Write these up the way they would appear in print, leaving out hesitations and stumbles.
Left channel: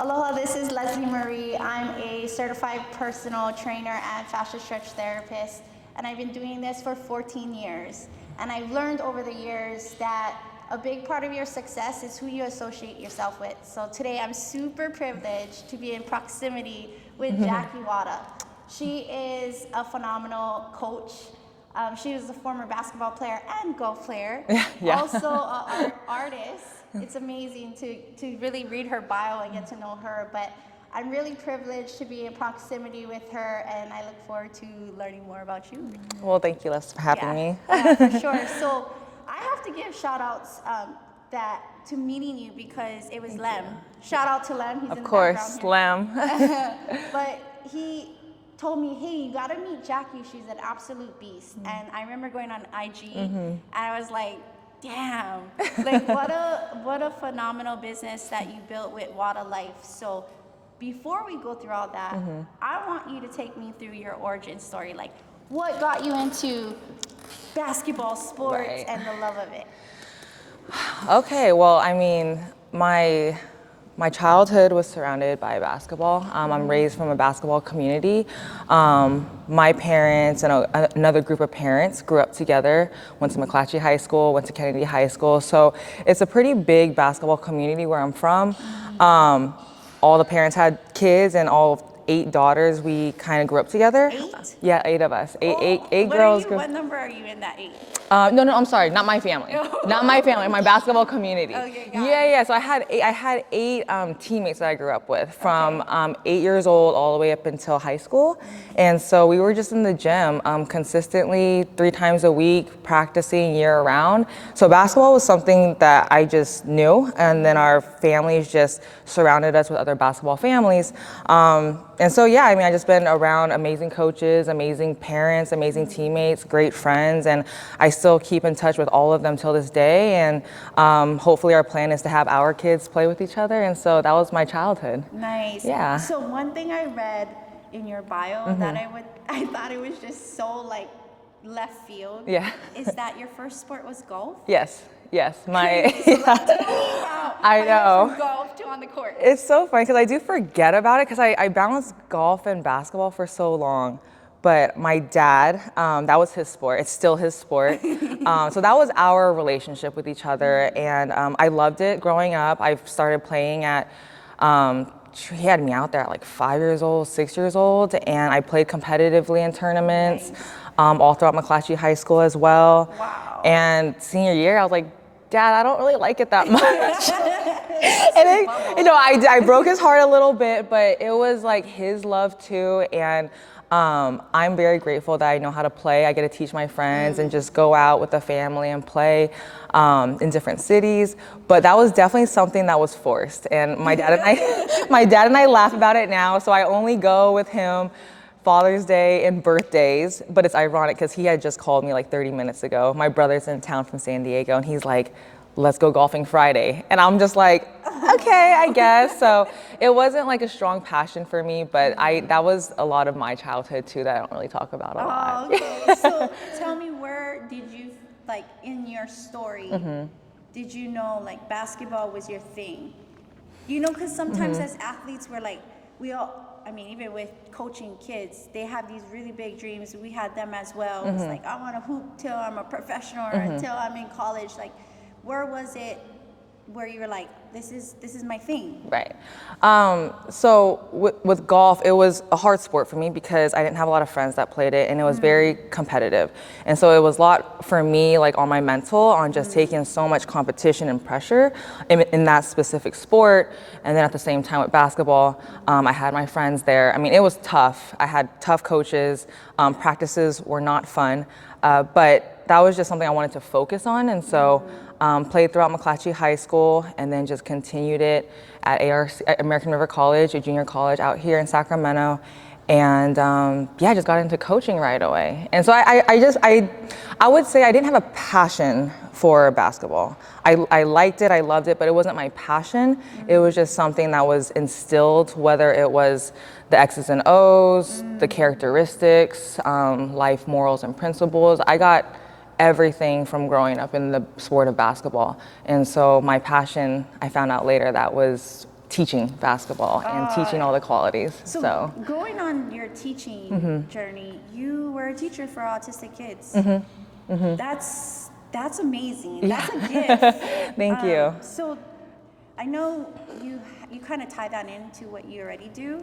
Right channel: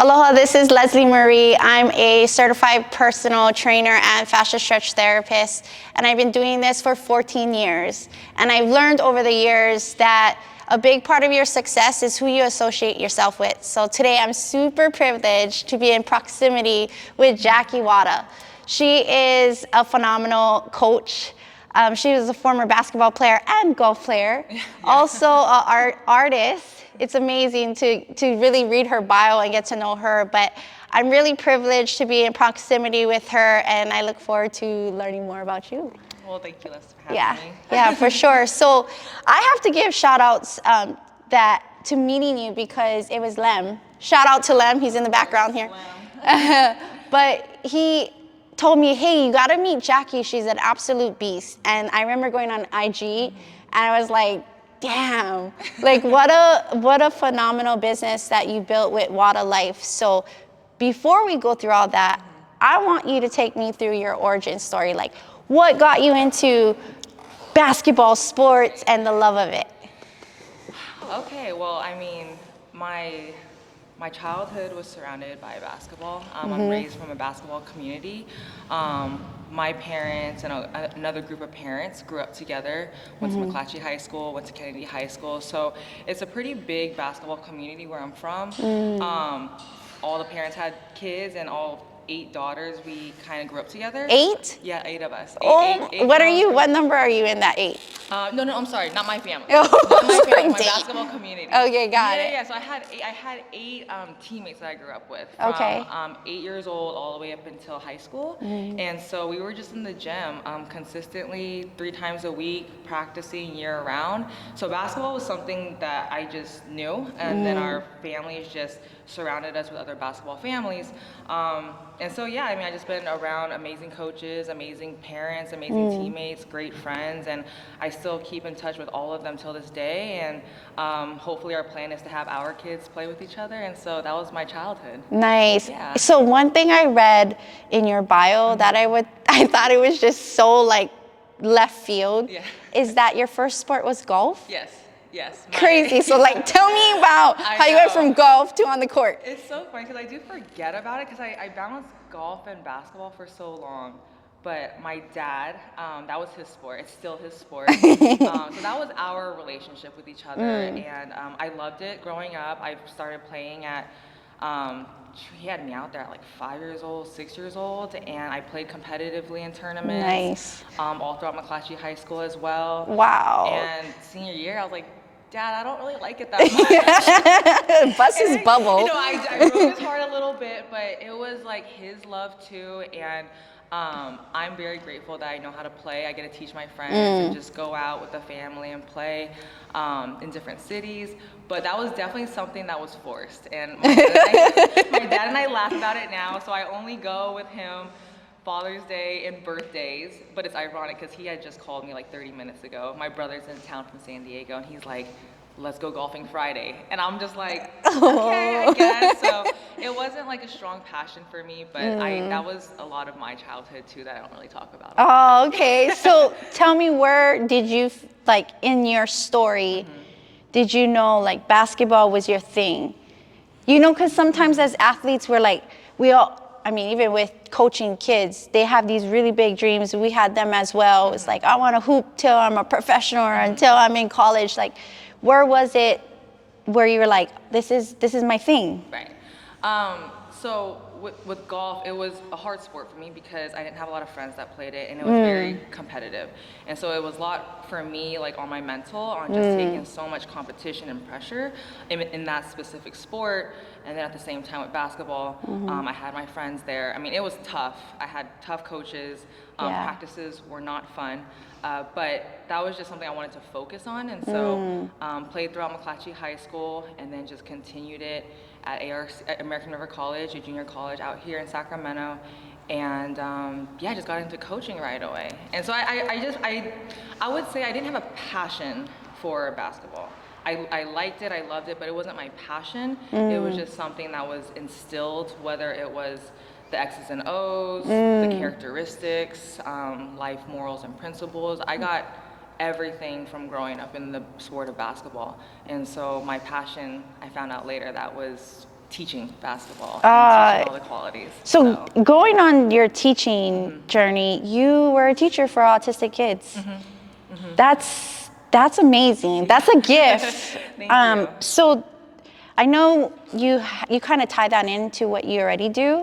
Aloha, this is Leslie Marie. I'm a certified personal trainer and fascia stretch therapist, and I've been doing this for 14 years. And I've learned over the years that a big part of your success is who you associate yourself with. So today I'm super privileged to be in proximity with Jackie Wada. She is a phenomenal coach. She was a former basketball player and golf player, also an artist. It's amazing to really read her bio and get to know her, but I'm really privileged to be in proximity with her, and I look forward to learning more about you. Well, thank you, Les, for having me. Yeah, for sure. So I have to give shout outs to meeting you because it was Lem. Shout out to Lem, he's in the background here. Lem. But he told me, hey, you gotta meet Jackie, she's an absolute beast. And I remember going on IG and I was like, damn, like what a phenomenal business that you built with Wada Life. So before we go through all that, I want you to take me through your origin story. Like what got you into basketball, sports, and the love of it? Okay, well, I mean, my childhood was surrounded by basketball. I'm raised from a basketball community. My parents and another group of parents grew up together, went to McClatchy High School, went to Kennedy High School. So it's a pretty big basketball community where I'm from. All the parents had kids, and all 8 daughters, we kind of grew up together. 8? Yeah, 8 of us. Eight what are you? What number are you in that 8? No, I'm sorry, not my family. Not my family, my basketball community. Okay, got it. Yeah. So I had 8 teammates that I grew up with from 8 years old all the way up until high school. And so we were just in the gym consistently 3 times a week, practicing year round. So basketball was something that I just knew, and then our families just surrounded us with other basketball families. And so, yeah, I mean, I just been around amazing coaches, amazing parents, amazing teammates, great friends, and I still keep in touch with all of them till this day. And hopefully our plan is to have our kids play with each other. And so that was my childhood. Nice. Yeah. So one thing I read in your bio that I thought it was just so like left field is that your first sport was golf? Yes. Crazy. So like, tell me about how you went from golf to on the court. It's so funny because I do forget about it because I balanced golf and basketball for so long. But my dad, that was his sport. It's still his sport. So that was our relationship with each other. And I loved it growing up. I started playing at, he had me out there at like 5 years old, 6 years old. And I played competitively in tournaments. All throughout McClatchy High School as well. Wow. And senior year, I was like, Dad, I don't really like it that much. Bust his bubble. You know, I broke his heart a little bit, but it was like his love too. And I'm very grateful that I know how to play. I get to teach my friends and just go out with the family and play in different cities. But that was definitely something that was forced. And my dad and I laugh about it now. So I only go with him Father's Day and birthdays, but it's ironic because he had just called me like 30 minutes ago. My brother's in town from San Diego, and he's like, let's go golfing Friday. And I'm just like, okay, I guess. So it wasn't like a strong passion for me, but that was a lot of my childhood too that I don't really talk about a lot. Oh, okay. So tell me, where did you, like in your story, did you know like basketball was your thing? You know, because sometimes as athletes, we're like, I mean, even with coaching kids, they have these really big dreams. We had them as well. It's like, I want to hoop till I'm a professional or until I'm in college. Like, where was it where you were like, this is my thing? Right. So with golf, it was a hard sport for me because I didn't have a lot of friends that played it, and it was very competitive. And so it was a lot for me, like on my mental, on just taking so much competition and pressure in that specific sport. And then at the same time with basketball, I had my friends there. I mean, it was tough. I had tough coaches. Practices were not fun, but that was just something I wanted to focus on. And so played throughout McClatchy High School, and then just continued it at American River College, a junior college out here in Sacramento. And yeah, I just got into coaching right away. And so I would say I didn't have a passion for basketball. I liked it, I loved it, but it wasn't my passion. It was just something that was instilled, whether it was the X's and O's, the characteristics, life morals and principles. I got everything from growing up in the sport of basketball. And so my passion, I found out later, that was teaching basketball and teaching all the qualities. So going on your teaching journey, you were a teacher for autistic kids. That's amazing. That's a gift. Thank you. So I know you kind of tie that into what you already do.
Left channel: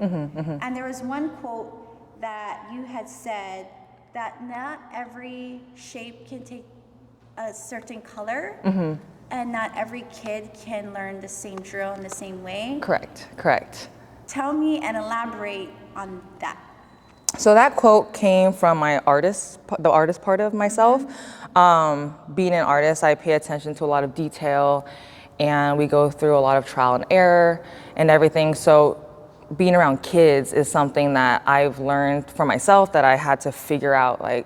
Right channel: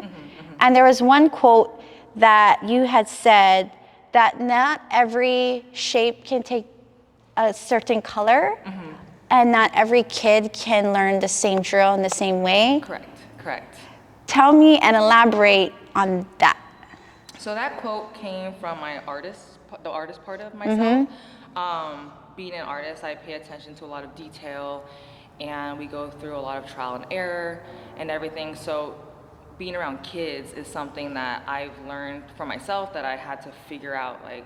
And there was one quote that you had said that not every shape can take a certain color, and not every kid can learn the same drill in the same way. Correct. Tell me and elaborate on that. So that quote came from the artist part of myself. Being an artist, I pay attention to a lot of detail, and we go through a lot of trial and error and everything. So being around kids is something that I've learned for myself, that I had to figure out, like,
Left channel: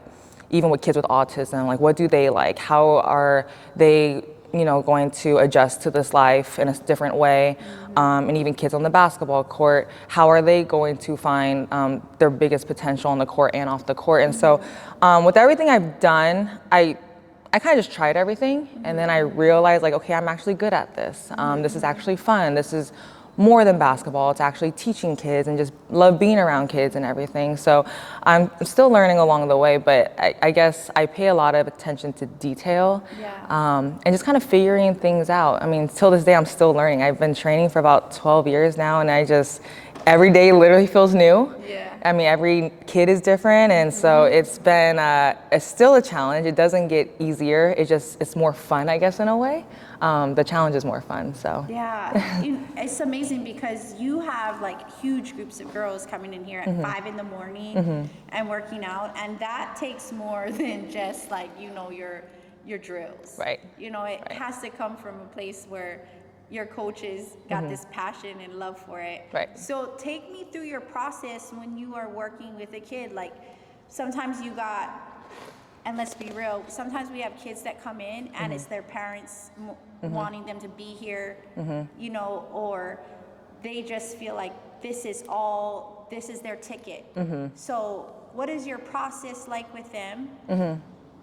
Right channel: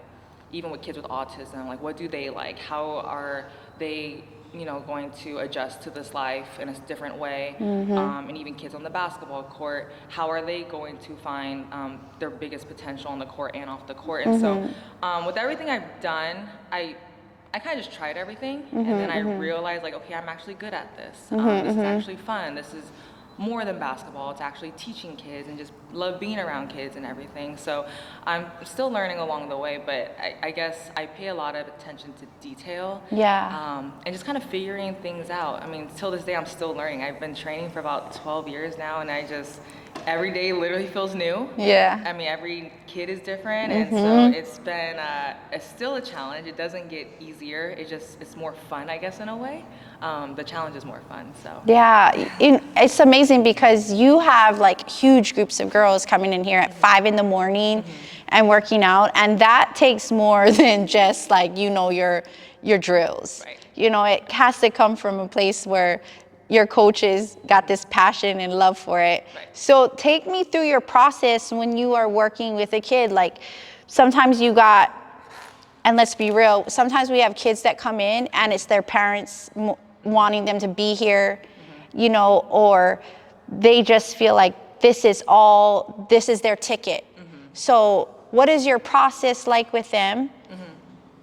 even with kids with autism, like, what do they like? How are they, going to adjust to this life in a different way? And even kids on the basketball court, how are they going to find their biggest potential on the court and off the court? And so with everything I've done, I kind of just tried everything, and then I realized, like, okay, I'm actually good at this. This is actually fun. This is more than basketball. It's actually teaching kids, and just love being around kids and everything. So I'm still learning along the way, but I guess I pay a lot of attention to detail. And just kind of figuring things out. I mean, till this day, I'm still learning. I've been training for about 12 years now, and every day literally feels new. I mean, every kid is different, and so it's still a challenge. It doesn't get easier. It's more fun, I guess, in a way. The challenge is more fun, so. It's amazing because you have like huge groups of girls coming in here at 5 in the morning and working out, and that takes more than just like, your drills. It has to come from a place where your coaches got this passion and love for it. So take me through your process when you are working with a kid. Like, sometimes and let's be real, sometimes we have kids that come in and it's their parents wanting them to be here, or they just feel like this is their ticket. So what is your process like with them?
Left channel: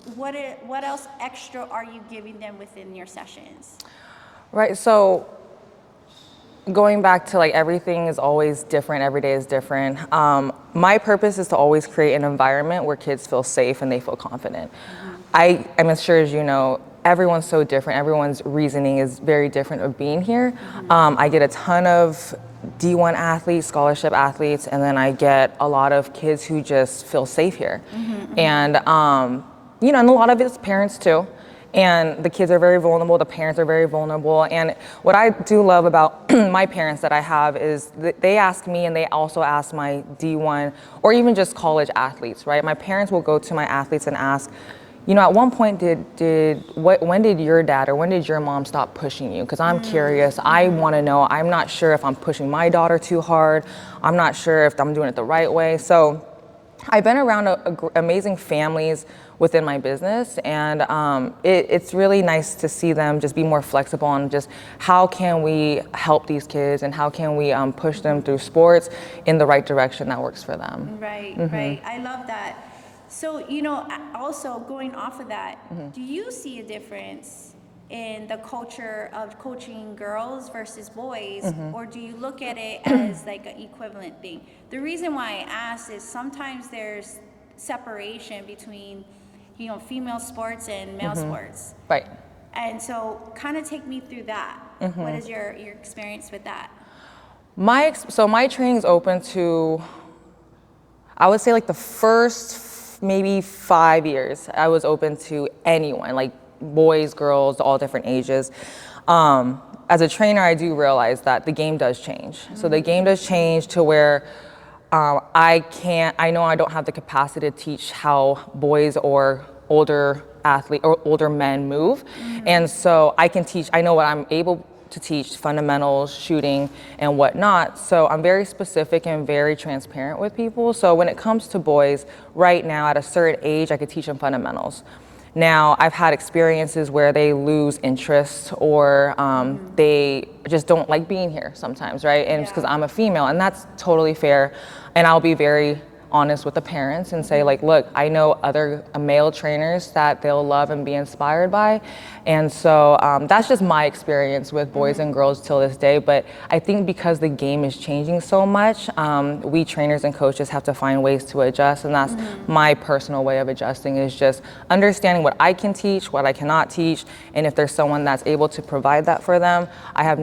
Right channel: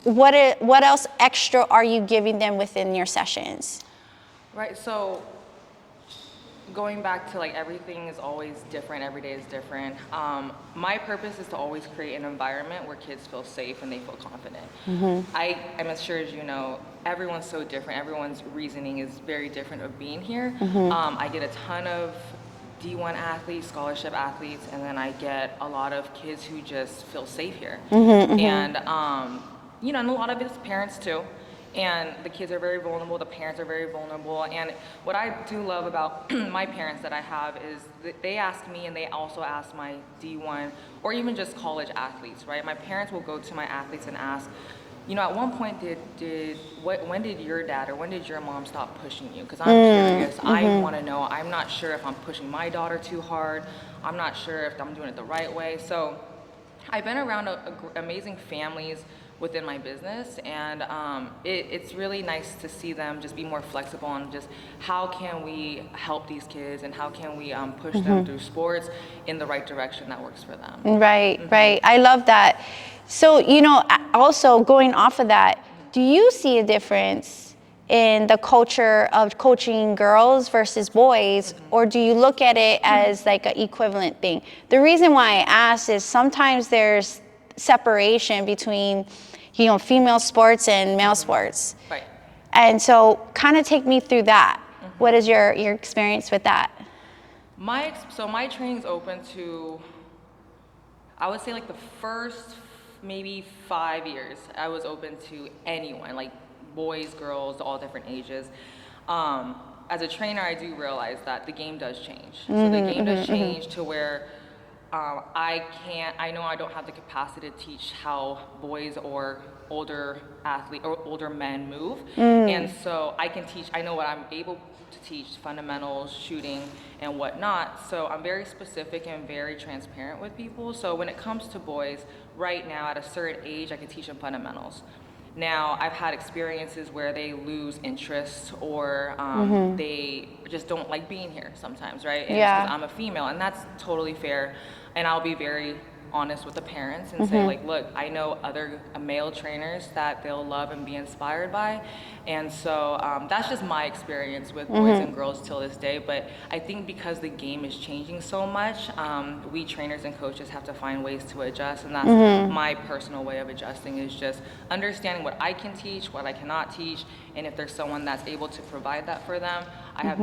What else extra are you giving them within your sessions? Right, so going back to, like, everything is always different, every day is different. My purpose is to always create an environment where kids feel safe and they feel confident. I'm as sure as you know, everyone's so different. Everyone's reasoning is very different of being here. I get a ton of D1 athletes, scholarship athletes, and then I get a lot of kids who just feel safe here. And, and a lot of it's parents too. And the kids are very vulnerable, the parents are very vulnerable. And what I do love about my parents that I have is that they ask me, and they also ask my D1 or even just college athletes, right? My parents will go to my athletes and ask, at one point, when did your dad or when did your mom stop pushing you? Because I'm curious, I want to know. I'm not sure if I'm pushing my daughter too hard. I'm not sure if I'm doing it the right way. So I've been around amazing families within my business, and it's really nice to see them just be more flexible on just how can we help these kids and how can we push them through sports in the right direction that works for them. Right. I love that. So, also going off of that, do you see a difference in the culture of coaching girls versus boys, or do you look at it as like an equivalent thing? The reason why I ask is sometimes there's separation between, female sports and male sports. And so kind of take me through that. What is your experience with that? So my training's open to, I would say, like, the first maybe 5 years, I was open to anyone, like boys, girls, all different ages. As a trainer, I do realize that the game does change. So the game does change to where I know I don't have the capacity to teach how boys or older athlete or older men move. And so I know what I'm able to teach, fundamentals, shooting, and whatnot. So I'm very specific and very transparent with people. So when it comes to boys, right now at a certain age, I could teach them fundamentals. Now, I've had experiences where they lose interest or they just don't like being here sometimes, right? And it's because I'm a female, and that's totally fair. And I'll be very honest with the parents and say like, look, I know other male trainers that they'll love and be inspired by. And so that's just my experience with boys and girls till this day. But I think because the game is changing so much, we trainers and coaches have to find ways to adjust. And that's my personal way of adjusting, is just understanding what I can teach, what I cannot teach. And if there's someone that's able to provide that for them, I have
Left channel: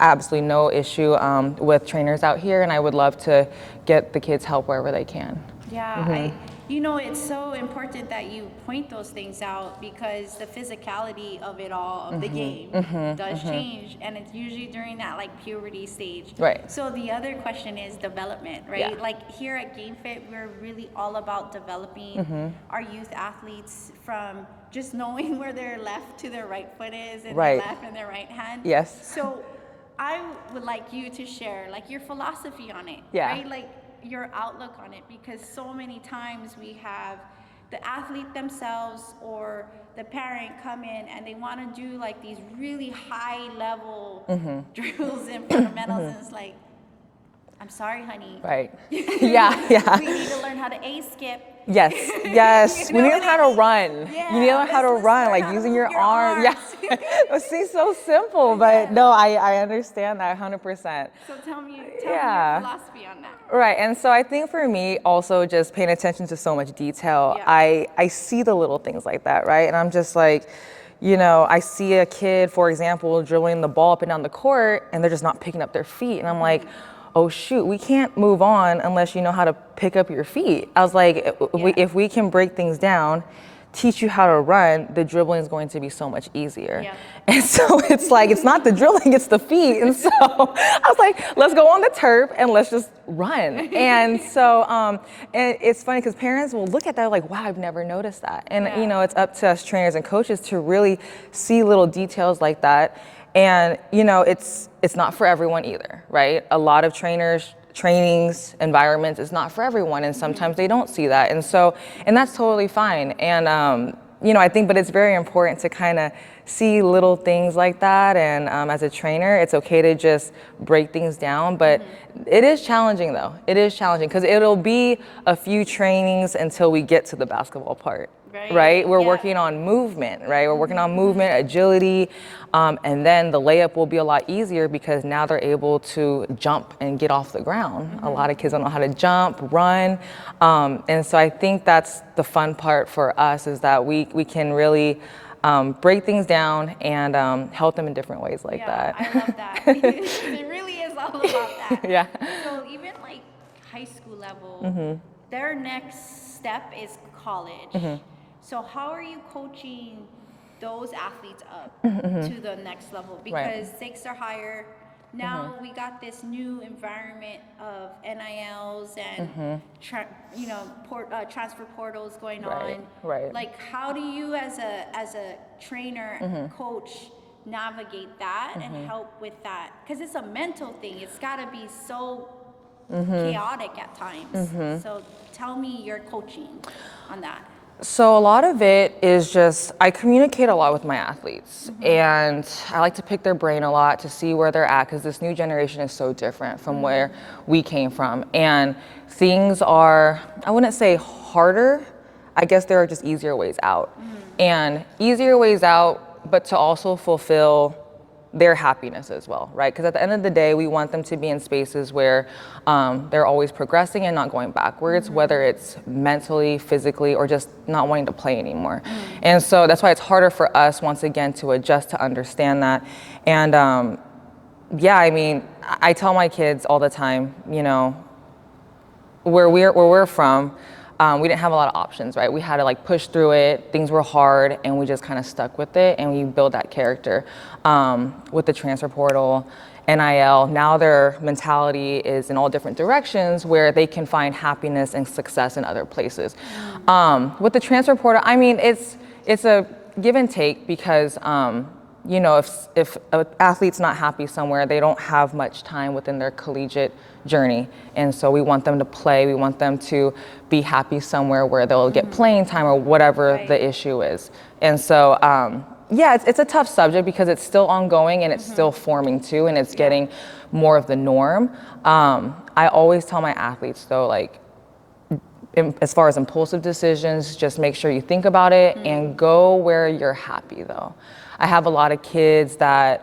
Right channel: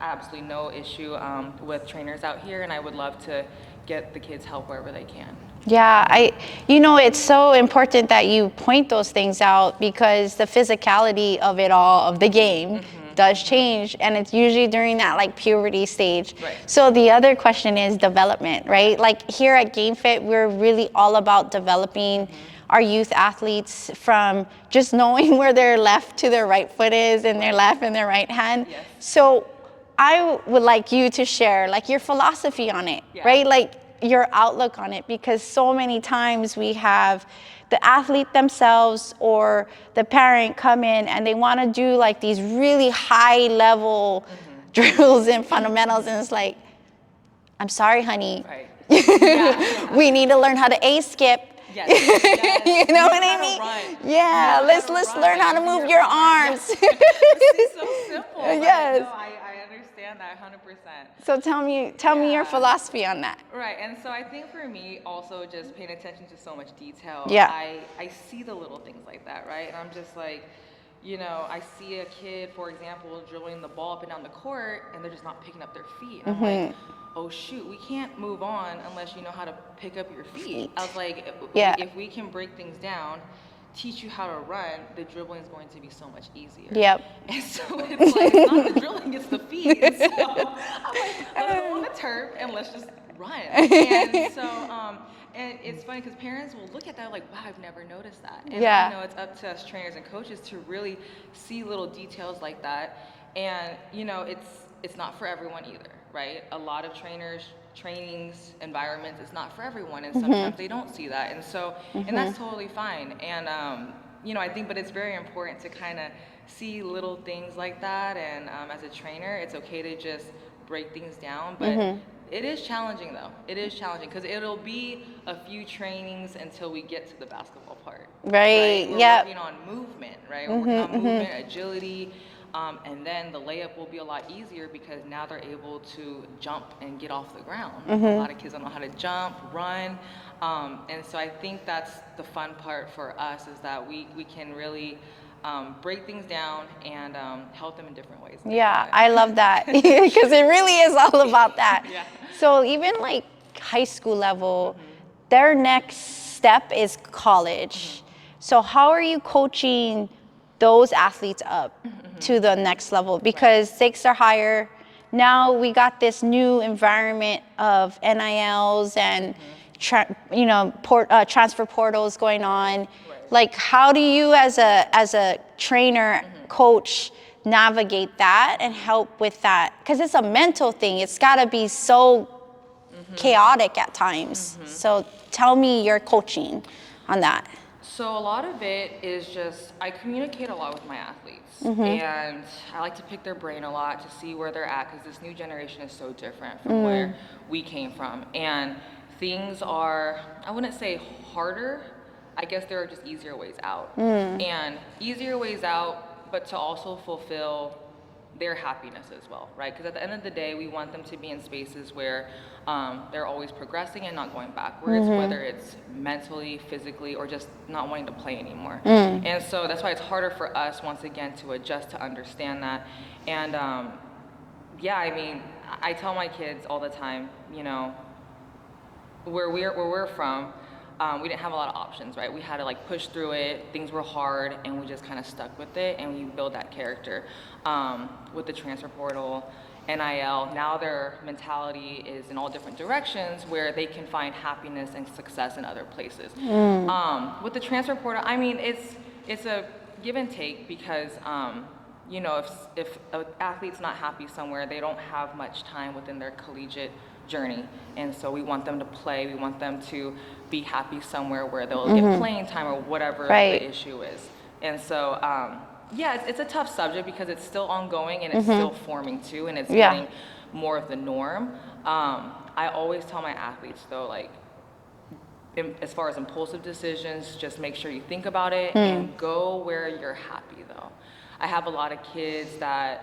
absolutely no issue with trainers out here, and I would love to get the kids help wherever they can. Yeah, it's so important that you point those things out, because the physicality of it all, of the game, does change, and it's usually during that like puberty stage. Right. So the other question is development, right? Yeah. Like here at GameFit, we're really all about developing our youth athletes from just knowing where their left to their right foot is, and their left and their right hand. Yes. So I would like you to share like your philosophy on it, right? Like your outlook on it, because so many times we have the athlete themselves or the parent come in and they want to do like these really high level drills and fundamentals, and it's like, I'm sorry, honey. Right. We need to learn how to A-skip. Yes, yes. You know we learn how to run. Yeah, let's learn how to move your arms. But see, so simple, but no, I understand that 100%. So tell me your philosophy on that. Right, and so I think for me, also just paying attention to so much detail, I see the little things like that, right? And I'm just like, I see a kid, for example, dribbling the ball up and down the court, and they're just not picking up their feet. And I'm like, oh shoot, we can't move on unless you know how to pick up your feet. I was like, if we can break things down, teach you how to run, the dribbling is going to be so much easier. Yep. And so it's like, it's not the drilling, it's the feet. And so I was like, let's go on the turf and let's just run. And so, and it's funny because parents will look at that like, wow, I've never noticed that. And it's up to us trainers and coaches to really see little details like that. And it's not for everyone either, right? A lot of trainings, environments is not for everyone, and sometimes they don't see that, and so and that's totally fine. And I think, but it's very important to kind of see little things like that. And as a trainer, it's okay to just break things down, but it is challenging though. It is challenging because it'll be a few trainings until we get to the basketball part, right? We're working on movement, right? We're working on movement, agility, and then the layup will be a lot easier because now they're able to jump and get off the ground. A lot of kids don't know how to jump, run, and so I think that's the fun part for us, is that we can really break things down and help them in different ways like that. Yeah, I love that because it really is all about that. Yeah. So even like high school level, their next step is college. So how are you coaching those athletes up to the next level? Because stakes are higher. Now we got this new environment of NILs and transfer portals going on. Like, how do you as a trainer, coach, navigate that and help with that? Because it's a mental thing. It's got to be so chaotic at times. So tell me your coaching on that. So a lot of it is just, I communicate a lot with my athletes, and I like to pick their brain a lot to see where they're at, because this new generation is so different from where we came from. And things are, I wouldn't say harder, I guess there are just easier ways out. And easier ways out, but to also fulfill their happiness as well, right? Because at the end of the day, we want them to be in spaces where they're always progressing and not going backwards, whether it's mentally, physically, or just not wanting to play anymore. And so that's why it's harder for us, once again, to adjust to understand that. And I mean, I tell my kids all the time, where we're from, we didn't have a lot of options, right? We had to like push through it. Things were hard, and we just kind of stuck with it, and we built that character. With the transfer portal, NIL, now their mentality is in all different directions where they can find happiness and success in other places. With the transfer portal, I mean, it's a give and take, because if an athlete's not happy somewhere, they don't have much time within their collegiate journey. And so we want them to play, we want them to be happy somewhere where they'll get playing time or whatever the issue is. And so, it's a tough subject because it's still ongoing and it's still forming too, and it's getting more of the norm. I always tell my athletes though, like, as far as impulsive decisions, just make sure you think about it and go where you're happy though. I have a lot of kids that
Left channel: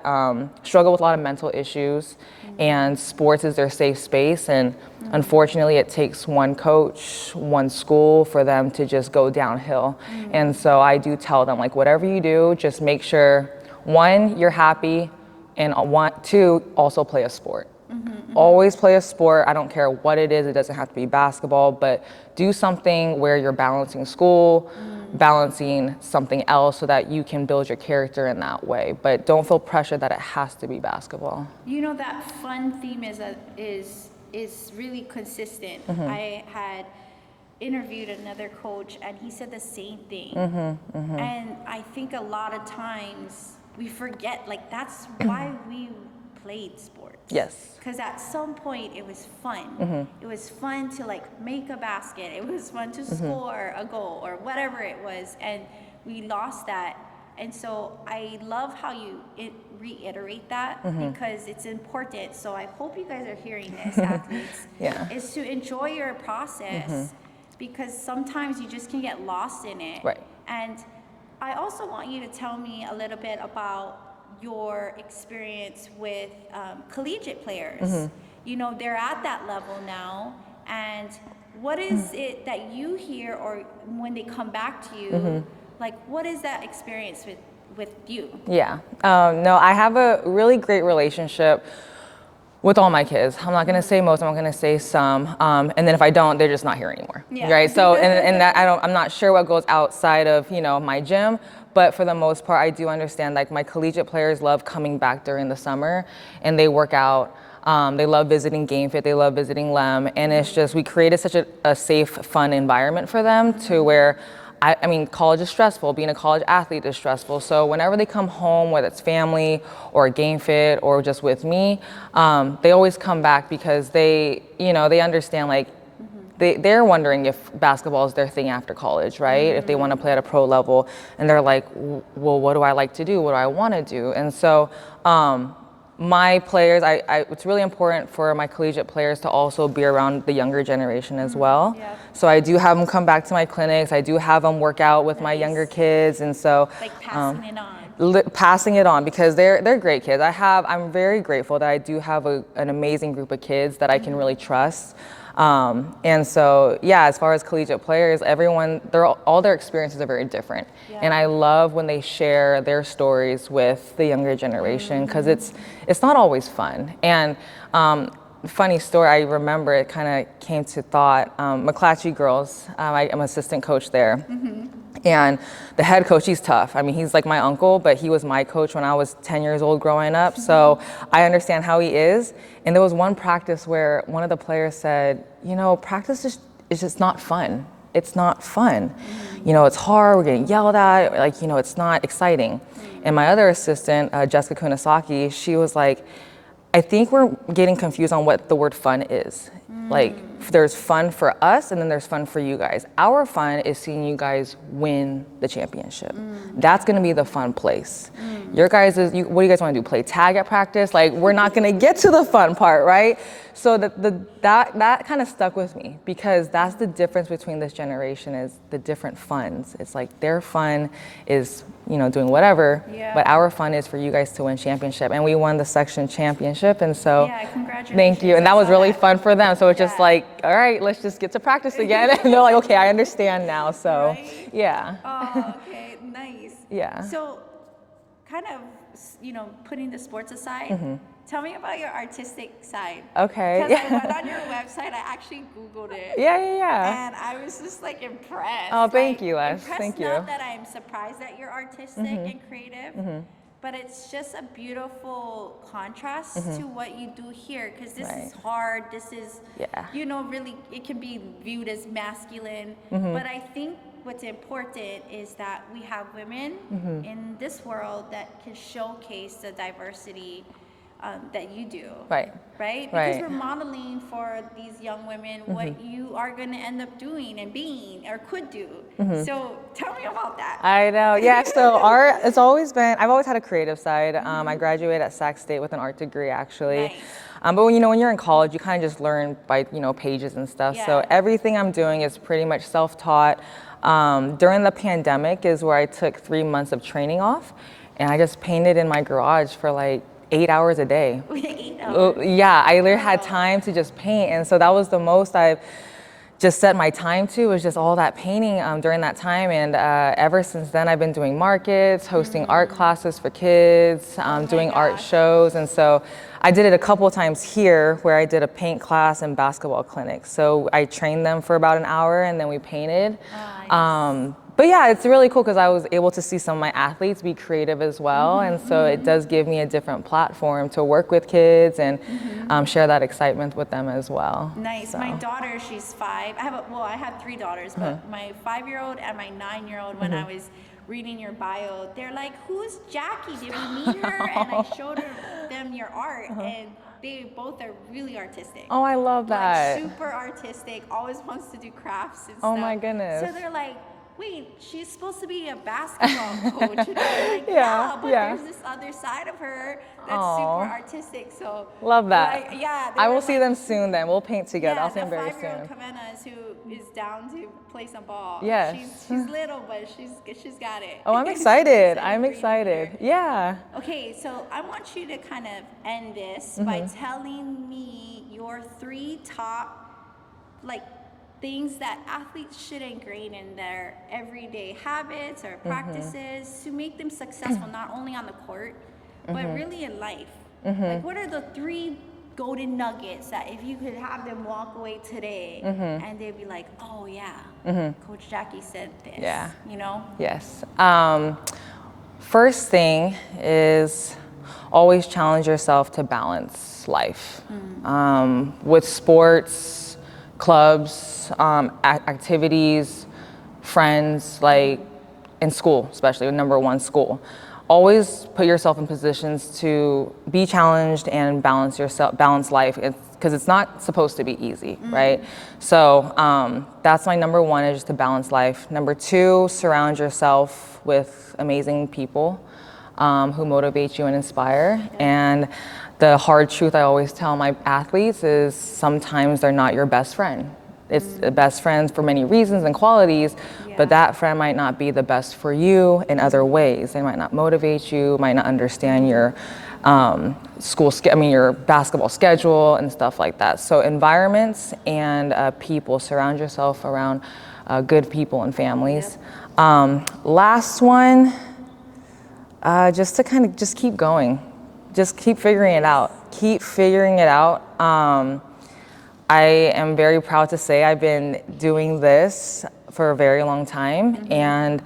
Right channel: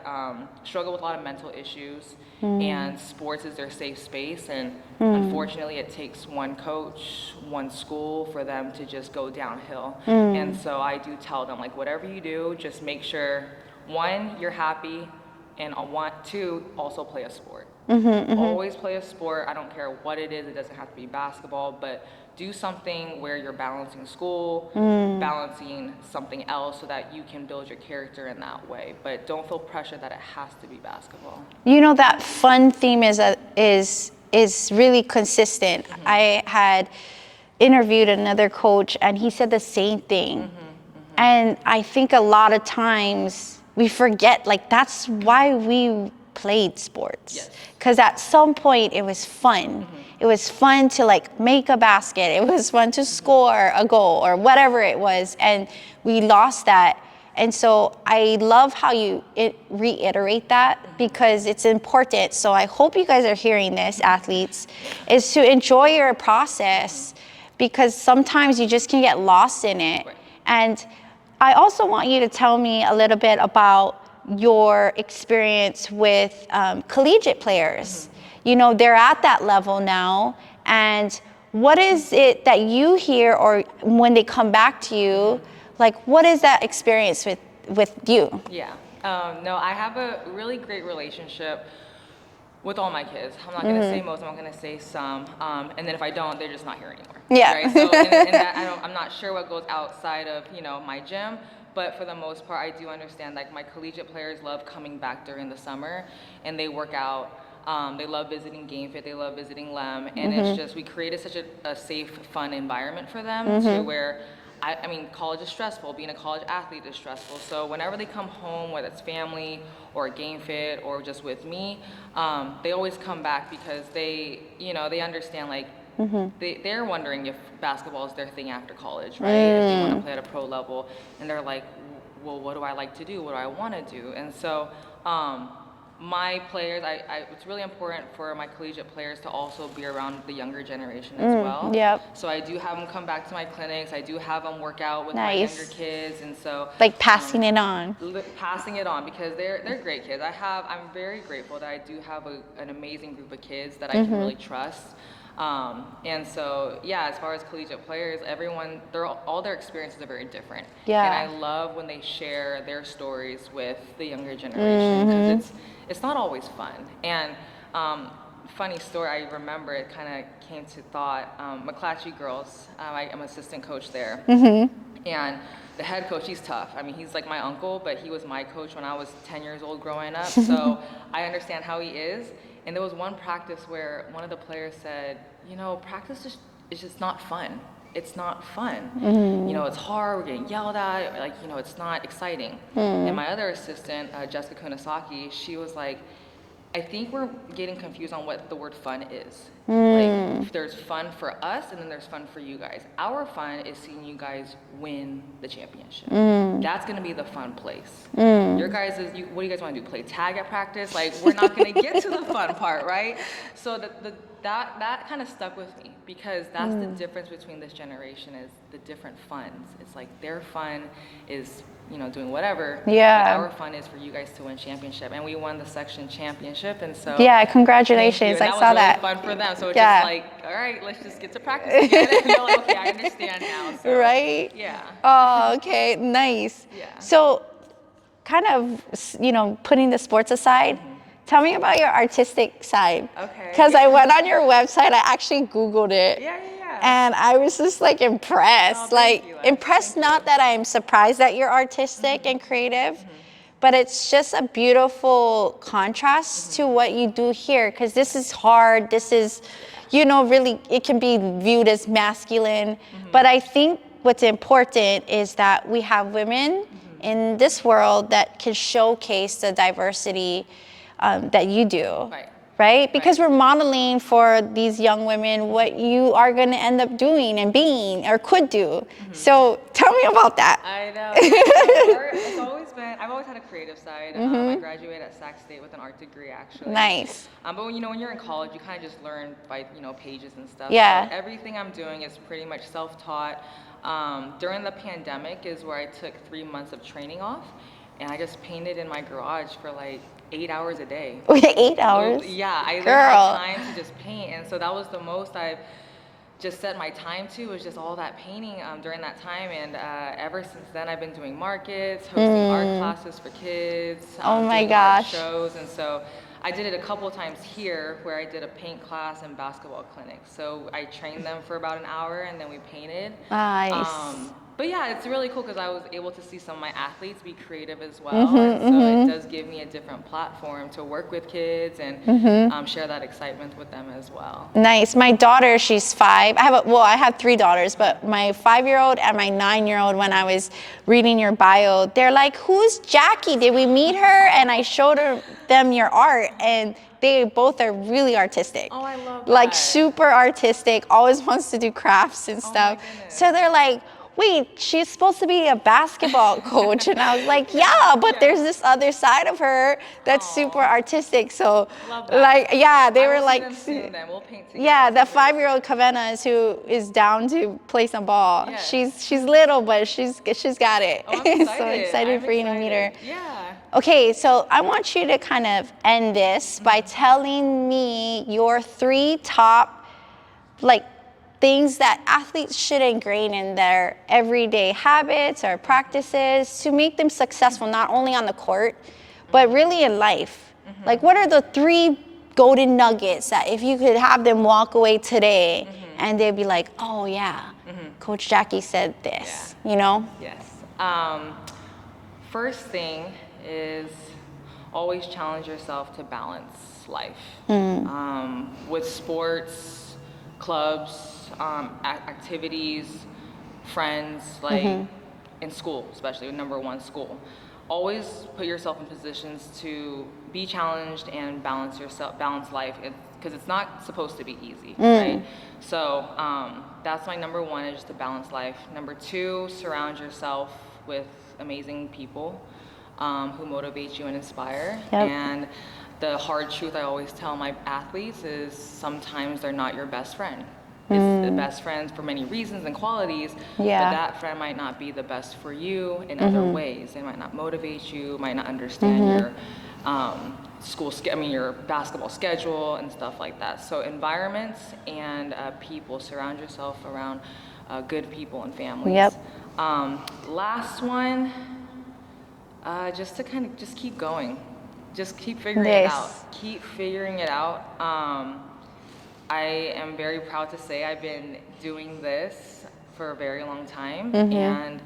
struggle with a lot of mental issues, and sports is their safe space. And unfortunately, it takes one coach, one school for them to just go downhill. And so I do tell them, like, whatever you do, just make sure, one, you're happy, and two, also play a sport. Always play a sport. I don't care what it is. It doesn't have to be basketball, but do something where you're balancing school, balancing something else so that you can build your character in that way. But don't feel pressure that it has to be basketball. You know, that fun theme is really consistent. I had interviewed another coach and he said the same thing. And I think a lot of times we forget, like, that's why we played sports. Yes. Because at some point it was fun. It was fun to like make a basket. It was fun to score a goal or whatever it was. And we lost that. And so I love how you reiterate that because it's important. So I hope you guys are hearing this, athletes, is to enjoy your process because sometimes you just can get lost in it. Right. And I also want you to tell me a little bit about your experience with collegiate players. You know, they're at that level now, and what is it that you hear, or when they come back to you, like, what is that experience with you? Yeah, no, I have a really great relationship with all my kids. I'm not gonna say most, I'm gonna say some, and then if I don't, they're just not here anymore. Yeah. Right, so, and that, I'm not sure what goes outside of, you know, my gym, but for the most part, I do understand, like, my collegiate players love coming back during the summer and they work out. They love visiting Game Fit, they love visiting LEM, and it's just, we created such a safe, fun environment for them to where, I mean, college is stressful, being a college athlete is stressful, so whenever they come home, whether it's family or Game Fit or just with me, they always come back because they, you know, they understand, like, they're wondering if basketball is their thing after college, right? If they want to play at a pro level, and they're like, well, what do I like to do? What do I want to do? And so my players, it's really important for my collegiate players to also be around the younger generation as well. Yep. So I do have them come back to my clinics. I do have them work out with my younger kids, and so like passing it on. Passing it on, because they're great kids. I'm very grateful that I do have an amazing group of kids that I can really trust. And so, yeah, as far as collegiate players, everyone, all their experiences are very different. Yeah. And I love when they share their stories with the younger generation, because it's not always fun. And funny story, I remember, it kind of came to thought, McClatchy girls, I'm assistant coach there. And the head coach, he's tough. I mean, he's like my uncle, but he was my coach when I was 10 years old growing up. So I understand how he is. And there was one practice where one of the players said, you know, practice is just not fun. It's not fun. You know, it's hard, we're getting yelled at, like, you know, it's not exciting. And my other assistant, Jessica Kunisaki, she was like, I think we're getting confused on what the word fun is. Like, there's fun for us, and then there's fun for you guys. Our fun is seeing you guys win the championship. That's gonna be the fun place. Your guys, what do you guys wanna do, play tag at practice? Like, we're not gonna get to the fun part, right? So that kind of stuck with me, because that's the difference between this generation, is the different funs. It's like their fun is, you know, doing whatever, but our fun is for you guys to win championship. And we won the section championship, and so congratulations. thank you. And that was really fun for them. So it's just like, all right, let's just get to practice again. And they're like, okay, I understand now. So right? Yeah. Oh, okay, nice. Yeah. So kind of, you know, putting the sports aside, tell me about your artistic side. Okay. Because I went on your website, I actually Googled it. Yeah. And I was just like impressed. Oh, thank you, Les. Impressed, Thank not you. that I'm surprised that you're artistic and creative, but it's just a beautiful contrast to what you do here. Because this is hard, this is, you know, really, it can be viewed as masculine. But I think what's important is that we have women in this world that can showcase the diversity that you do. Right. right? Because Right. we're modeling for these young women what you are going to end up doing and being or could do. So tell me about that. I know, yeah. So art, it's always been, I've always had a creative side. I graduated at Sac State with an art degree, actually. Nice. But when, when you're in college, you kind of just learn by, pages and stuff. Yeah. So everything I'm doing is pretty much self-taught. During the pandemic is where I took 3 months of training off, and I just painted in my garage for like 8 hours a day. 8 hours? Yeah, I literally had Girl. time to just paint, and so that was the most I've just set my time to, was just all that painting during that time. And ever since then, I've been doing markets, hosting art classes for kids, Oh my doing art gosh. shows. And so I did it a couple of times here where I did a paint class and basketball clinic. So I trained them for about an hour and then we painted. Nice. But yeah, it's really cool because I was able to see some of my athletes be creative as well. And so it does give me a different platform to work with kids and share that excitement with them as well. Nice. My daughter, she's 5. I have 3 daughters, but my 5-year-old and my 9-year-old, when I was reading your bio, they're like, "Who's Jackie? Did we meet her?" And I showed them your art, and they both are really artistic. Oh, I love that. Like super artistic, always wants to do crafts and Oh stuff. my goodness. So they're like, "Wait, she's supposed to be a basketball coach." And I was like, yeah, but there's this other side of her that's super artistic. So Love that. like, yeah, they I were will like, see them soon then. We'll paint together. yeah, I'll the see them very 5-year-old soon. Cavenas who is down to play some ball. Yeah. She's little, but she's got it. Oh, I'm So excited. excited for you to meet her. Yeah. Okay, so I want you to kind of end this by telling me your 3 top, like, things that athletes should ingrain in their everyday habits or practices to make them successful, not only on the court, but really in life. Like, what are the 3 golden nuggets that if you could have them walk away today and they'd be like, "Oh yeah, Coach Jackie said this," Yeah. you know? Yes. First thing is always challenge yourself to balance life. With sports, clubs, activities, friends, like in school, especially number 1, school. Always put yourself in positions to be challenged and balance life, because it's not supposed to be easy, right? So that's my number 1, is just to balance life. Number 2, surround yourself with amazing people who motivate you and inspire. Yep. And the hard truth I always tell my athletes is sometimes they're not your best friend. It's the best friends for many reasons and qualities, but that friend might not be the best for you in other ways. They might not motivate you, might not understand your your basketball schedule and stuff like that. So environments and people, surround yourself around good people and families. Yep. Last one, just to kind of just keep going. Just keep figuring it out. Keep figuring it out. I am very proud to say I've been doing this for a very long time. And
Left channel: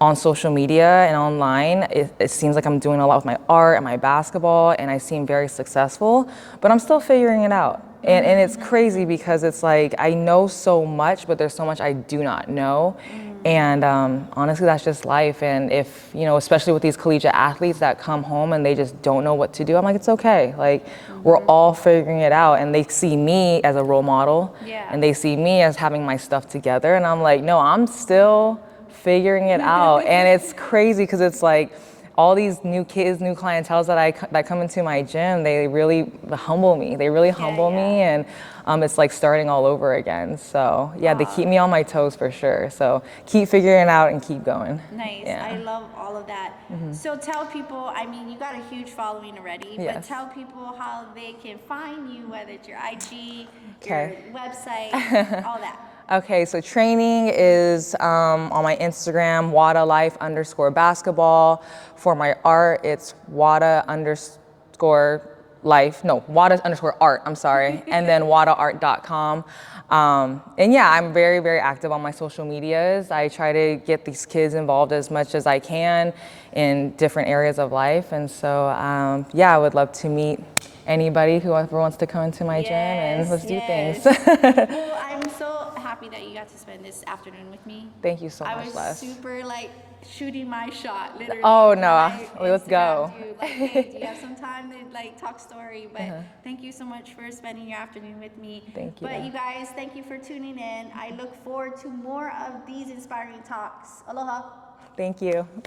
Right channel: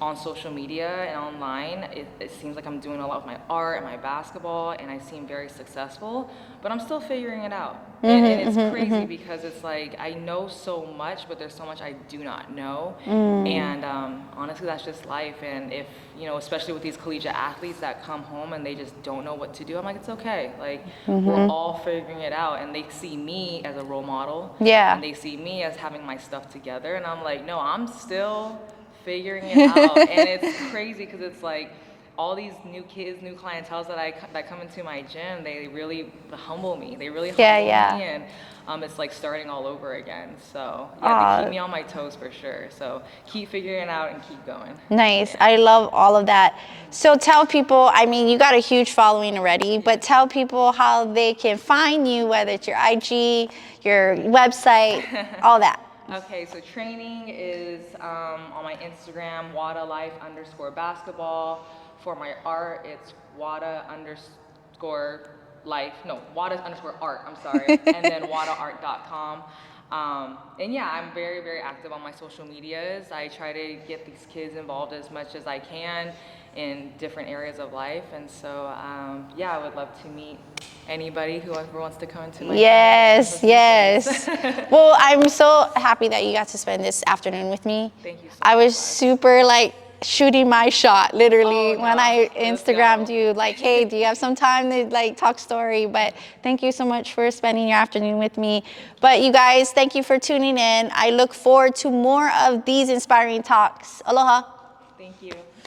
on social media and online, it seems like I'm doing a lot with my art and my basketball, and I seem very successful, but I'm still figuring it out. And it's crazy because it's like, I know so much, but there's so much I do not know. And honestly, that's just life. And if, especially with these collegiate athletes that come home and they just don't know what to do, I'm like, it's okay. Like, we're all figuring it out. And they see me as a role model. Yeah. And they see me as having my stuff together. And I'm like, no, I'm still figuring it out. And it's crazy because it's like, all these new kids, new clienteles that come into my gym, they really humble me. They really humble me, and it's like starting all over again. So yeah, they keep me on my toes for sure. So keep figuring it out and keep going. Nice. Yeah. I love all of that. So tell people, I mean, you got a huge following already, but tell people how they can find you, whether it's your IG, your website, all that. Okay, so training is on my Instagram, WadaLife_basketball. For my art, it's Wada_art, I'm sorry, and then WadaArt.com. And yeah, I'm very, very active on my social medias. I try to get these kids involved as much as I can in different areas of life. And so, yeah, I would love to meet anybody who ever wants to come into my gym. Yes. Well, I'm so happy that you got to spend this afternoon with me. Thank you so much. I was super shooting my shot, literally, Oh, no. when I Let's Instagrammed go. you, like, hey, do you have some time to like talk story? But thank you so much for spending your afternoon with me. But you guys, thank you for tuning in. I look forward to more of these inspiring talks. Aloha. Thank you.